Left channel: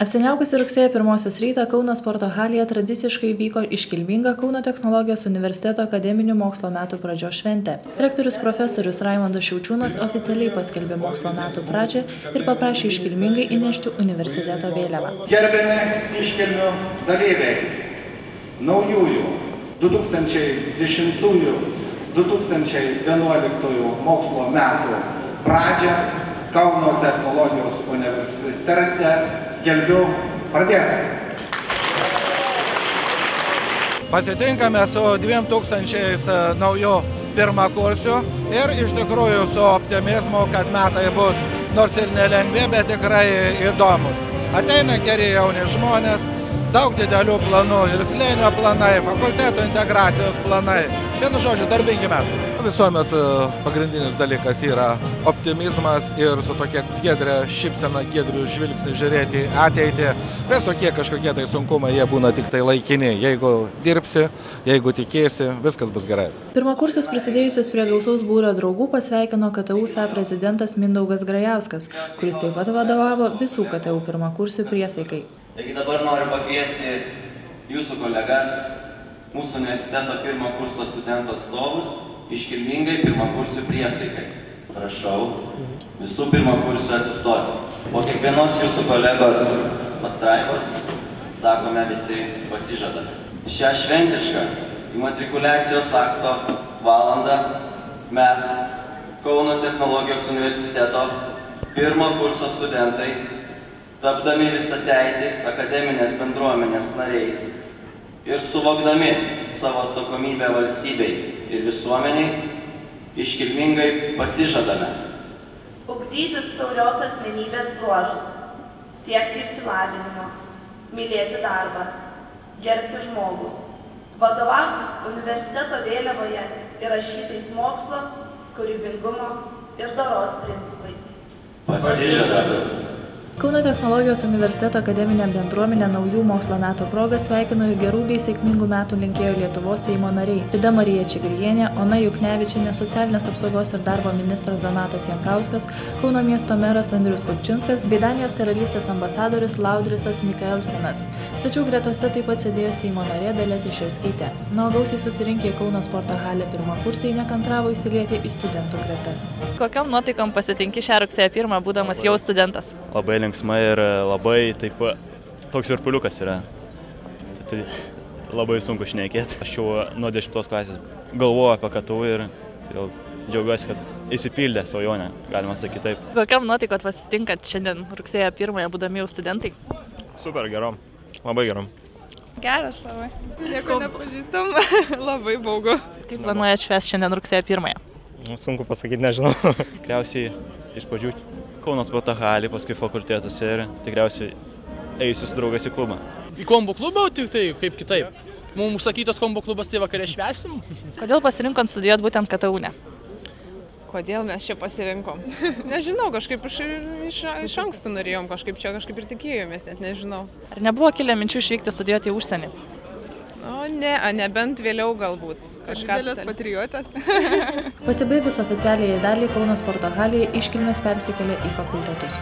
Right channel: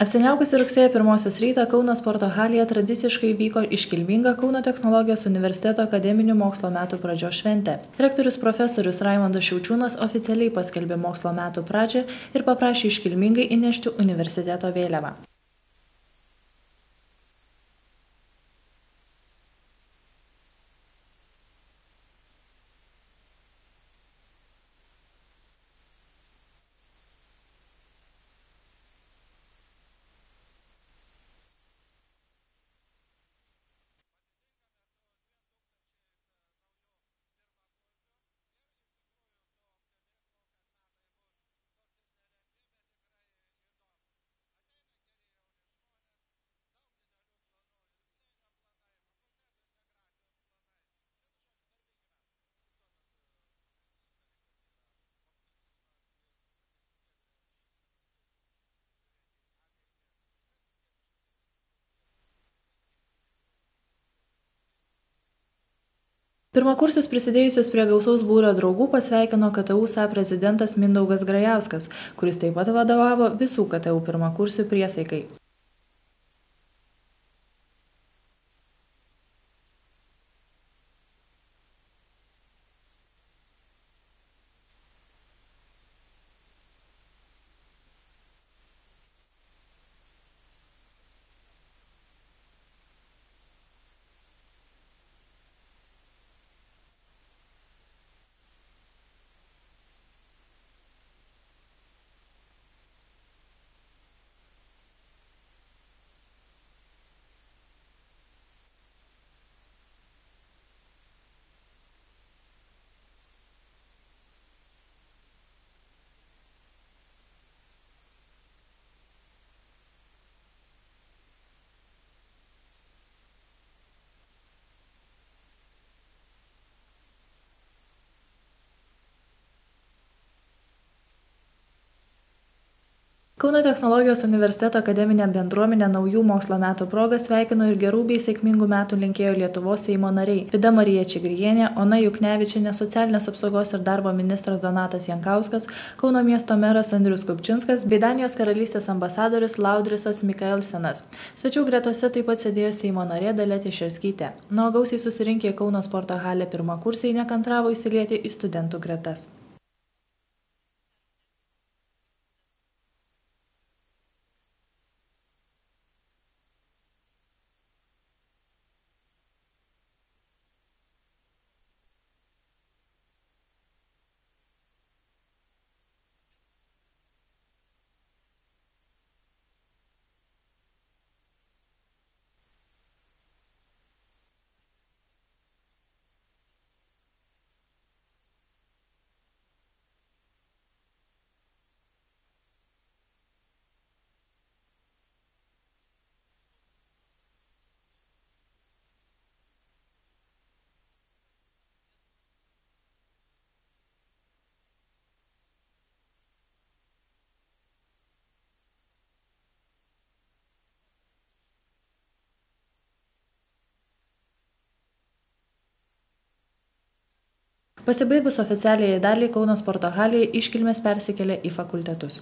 Apsiniaukusi rugsėjo 1 rytą Kauno sporto halėje tradiciškai vyko iškilminga Kauno technologijos universiteto akademinių mokslo metų pradžios šventė. Rektorius profesorius Raimondas Šiaučiūnas oficialiai paskelbė mokslo metų pradžią ir paprašė iškilmingai įnešti universiteto vėliavą. Gerbiami iškilmių dalyviai, naujųjų 2010-2011 mokslo metų pradžią Kauno technologijos universitete skelbiu pradėtą. Pasitinkame su 2000 naujų pirmakursių ir iš tikrųjų su optimizmu, kad metai bus nors ir nelengvi, bet tikrai įdomus. Ateina geri jauni žmonės, daug didelių planų ir slėnio planai, fakulteto integracijos planai. Vienu žodžiu, darbingi metai. Visuomet pagrindinis dalykas yra optimizmas ir su tokia giedrė šypsena, giedriu žvilgsniu žiūrėti į ateitį. Visokie kažkokie tai sunkumai, jie būna tik tai laikini. Jeigu dirbsi, jeigu tikėsi, viskas bus gerai. Pirmakursius prisidėjusius prie gausaus būrio draugų pasveikino KTU SA prezidentas Mindaugas Grajauskas, kuris taip pat vadovavo visų KTU pirmakursių priesaikai. Taigi dabar noriu pakviesti jūsų kolegas, mūsų universiteto pirmo kurso studentų atstovus, iškilmingai pirmakursių priesaikai. Prašau visų pirmakursių atsistoti. Po kiekvienos jūsų kolegos pastraipos sakome visi pasižadame. Šią šventišką imatrikuliacijos akto valandą mes, Kauno technologijos universiteto pirmo kurso studentai, tapdami visateisiais akademinės bendruomenės nariais ir suvokdami savo atsakomybę valstybei ir visuomeniai, iškilmingai pasižadame ugdytis taurios asmenybės bruožus, siekti išsilavinimo, mylėti darbą, gerbti žmogų, vadovautis universiteto vėliavoje įrašytais mokslo, kūrybingumo ir doros principais. Pasižadame. Kauno technologijos universiteto akademinė bendruomenė naujų mokslo metų proga sveikino ir gerų bei sėkmingų metų linkėjo Lietuvos Seimo nariai Vida Marija Čigrienė, Ona Juknevičienė, socialinės apsaugos ir darbo ministras Donatas Jankauskas, Kauno miesto meras Andrius Kupčinskas bei Danijos karalystės ambasadorius Laudrisas Mikaelsenas. Svečių gretose taip pat sėdėjo Seimo narė Dalia Teišerskytė. Nuo gausiai susirinkę į Kauno sporto halę pirmakursiai nekantravo įsilieti į studentų gretas. Kokiom nuotaikom pasitinki šią rugsėjo 1, būdamas jau studentas? Labai linksma ir labai taip toks virpuliukas yra. Tai labai sunku šnekėti. Aš jau nuo 10 klasės galvoju apie KTU ir jau džiaugiuosi, kad įsipildė svajonę, galima sakyti taip. Kokiam nuotaikot pasitinkat šiandien rugsėjo 1, būdami jau studentai? Super gerom, labai gerom. Geras labai. Nieko nepažįstam, labai baugu. Kaip planuojat švęsti šiandien rugsėjo 1? Sunku pasakyti, nežinau. Tikriausiai iš pradžių Kauno sporto halį, paskui fakultetus ir tikriausiai eisiu su draugais į klubą. Į kombo klubą, tik tai kaip kitaip. Mums užsakytas kombo klubas, tai vakarė švęsim. Kodėl pasirinkot studijuoti būtent KTU? Kodėl mes čia pasirinkom? Nežinau, kažkaip iš anksto norėjom, kažkaip ir tikėjomės, net nežinau. Ar nebuvo kilę minčių išvykti studijuoti į užsienį? O ne, nebent vėliau galbūt. Didelės patriotės. Pasibaigus oficialiai daliai Kauno sporto halėje iškilmės persikėlė į fakultetus.